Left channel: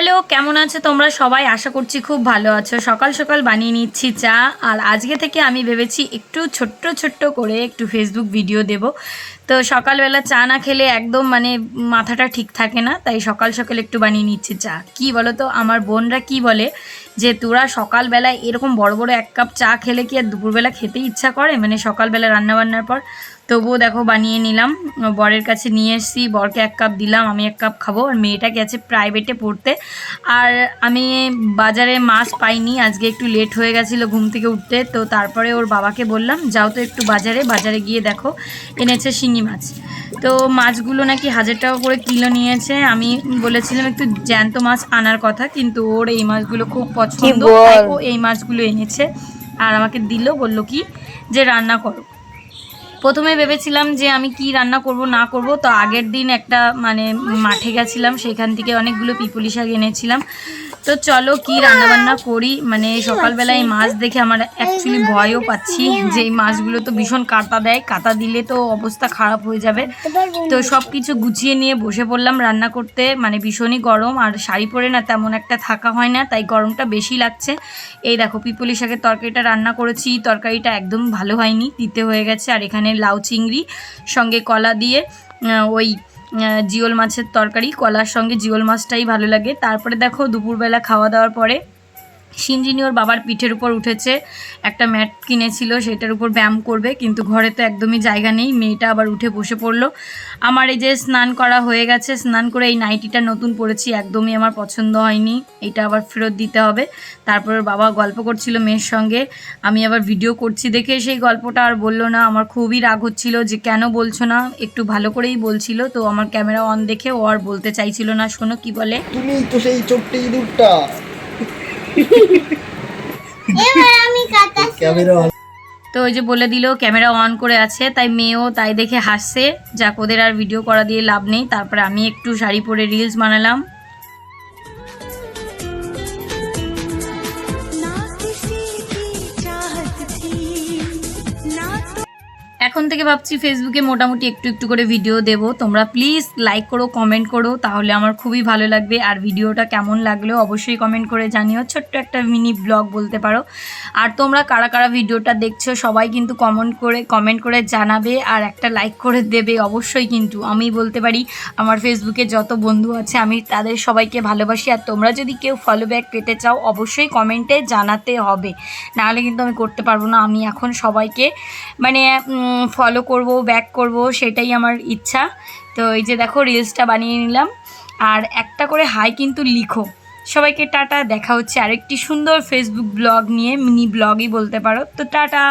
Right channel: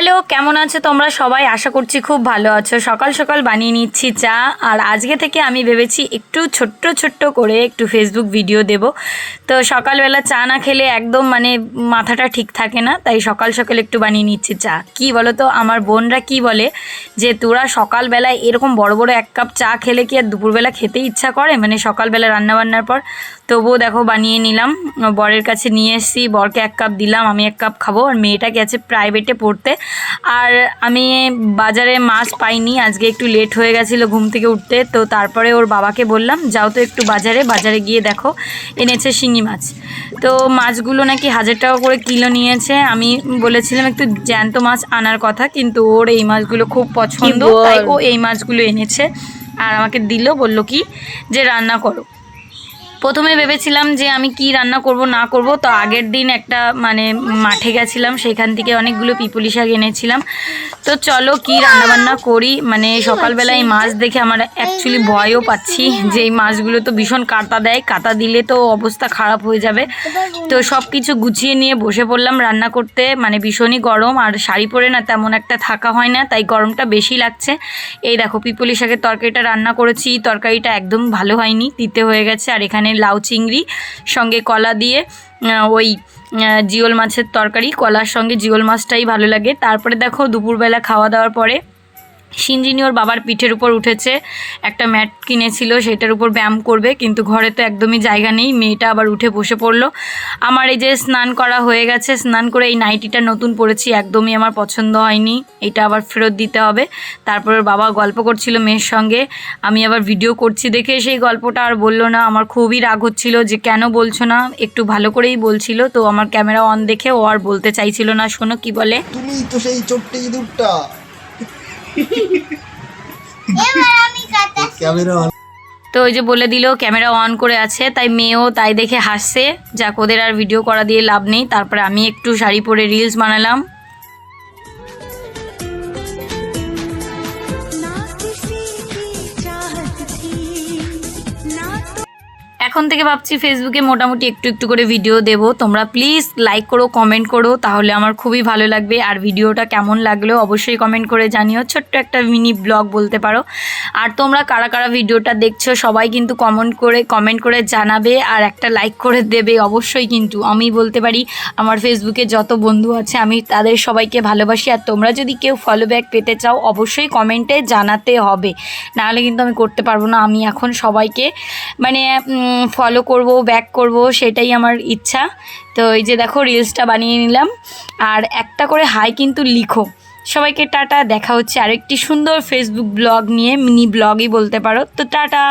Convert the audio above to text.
Hello, কেমন আছো তোমরা সবাই? আশা করছি খুব ভালো আছো। সকাল সকাল বানিয়ে নিচ্ছি চা। আর আজকে থেকে আমি ভেবেছি একটু ছোট্ট ছোট্ট করে একটু ফেসবুক ভিডিও দেব। তো সকালবেলা চা না খেলে একদম মাথাটা ঠিক থাকে না, তাই সকাল সকাল একটু বানিয়ে নিচ্ছি চা। কি বলো তো, আমার বোনরা কি বলে যে তোরা সকালবেলায় এরকম বড় বড় এক কাপ চা খেলে কি আর দুপুরবেলা খেতে ইচ্ছা করে, সকালবেলা রান্নাবান্নার পর। তবুও দেখো বানিয়ে নিলাম, বরের কাছে নিয়ে এসেছি, বরকে এক কাপ দিলাম, আমি এক কাপ খাবো। আর মেয়েটা গেছে প্রাইভেটে পড়তে। আর আমি বাজারে মাছ পাইনি, আজকে একটু লেট হয়ে গেছিলো ঘুম থেকে উঠতে। তো তারপরে ওর বাবাকে বললাম যাও তো একটু বাজারে গিয়ে দেখো, এনেছে শিঙি মাছ। তো মাছগুলো নাকি 1000 টাকা করে কিলো নিয়েছে। আমি বলেছিলাম একটু জ্যান্ত মাছ আনার কথা, কিন্তু ওর এই মাছগুলো খুব পছন্দ, তাই ও এই মাছগুলো এনেছে আর আমাকে দিল। বলল কি যে রান্না করো। প্রথমে ভেবেছিলাম যে আমি কি রান্না করব না করব, তো আগের দিন একটা মাঠে গেছিলাম, সেখান থেকে অনেকগুলো পিপুলি শাক এনেছিলাম। তো চলো কি রান্নাবান্না করি। সকালবেলায় মাছ দেখে আমার অ্যাকচুয়ালি ভয়ও পাচ্ছি যে এই মাছগুলো তো ভীষণ কাঁটা দেয়, কাঁটা দিলে তো অবস্থা খারাপ হয়ে যাবে। তো সব কিছু গুছিয়ে নিয়ে বসে পড়লাম রান্না করতে। ভীষণই গরম, আর শাড়ি পরে না তেমন একটা থাকা হয় না, তাই গরমটা বেশি লাগছে। এই দেখো পিপুলি শাকের তরকারিটা রান্না করেছি, তরকারিটা একদম ভালো হয়নি, তিতে হয়ে গেছে। আর এখানে লাউ চিংড়ি সঙ্গে কলা দিয়ে ওই জিওল মাছের তরকারি, কলার সঙ্গে জিওল মাছটাই ভালো লাগে। তারপরে দেখো দুপুরবেলা খাওয়া দাওয়ার পরে সিঞ্জিনি ওর বাবার পিঠের উপর উঠেছে, একটা ম্যাট কিনেছিল সেটার উপর ব্যায়াম করবে, কিন্তু ঘরে তো একদমই জায়গা নেই। মেয়েটা আবার উঠে বসে পড়লো। আমার এই যে স্নান করা হয়ে গেছে, স্নান করে এই নাইটিটা নতুন পরেছি, একদমই আমার পছন্দ হয়নি, এটা আবার ফেরত দিতে হবে। তারপর ওর বাবা গল্প করছিল মেয়ের সঙ্গে, আমি আবার ভিডিও করছি দেখে সেই গল্পটা আর বললো না। আমার খুবই রাগ হচ্ছিল যে কেন বলছো না, একটু ভালো করেই বলছিল। তো আমার ক্যামেরা অন দেখে ও আর বলতে চাইছিল না। শোনো কি বলে। তুমি তো সেই ছোট্ট ইঁদুরটা। এবার আমি ক্যামেরা তো ওই যে বলে দিল ক্যামেরা অন করে আছে, তাই মেয়েও তাই দেখে হাসছে। যাক, ওদের আর ভিডিও করা দিয়ে লাভ নেই। তারপরে আমি একটু শাড়ি পরে রিলস বানালাম। এখন থেকে ভাবছি ফেসবুকে মোটামুটি একটু একটু করে ভিডিও দেব। তোমরা প্লিজ লাইক করো, কমেন্ট করো, তাহলে আমার খুবই ভালো লাগবে। আর ভিডিওটা কেমন লাগলো অবশ্যই কমেন্ট করে জানিও, ছোট্ট একটা মিনি ব্লগ বলতে পারো। আর তোমরা কারা কারা ভিডিওটা দেখছো সবাই কিন্তু কমেন্ট করে জানাবে, আর একটা লাইক করে দেবে অবশ্যই। কিন্তু আমি বলতে পারি আমার ফেসবুকে যত বন্ধু আছে আমি তাদের সবাইকে ভালোবাসি। আর তোমরা যদি কেউ ফলো ব্যাক পেতে চাও অবশ্যই কমেন্টে জানাতে হবে, নাহলে কিন্তু আমি করতে পারবো না। আমি এখন সবাইকে ফলো করব, ব্যাক করব, সেটাই আমার ইচ্ছা। তো এই যে দেখো রিলসটা বানিয়ে নিলাম, আর একটা করে হাই কিন্তু লিখো। সবাইকে টাটা, দেখা হচ্ছে আরেকটি সুন্দর ফেসবুক ব্লগ নিয়ে, মিনি ব্লগই বলতে পারো। তো টাটা।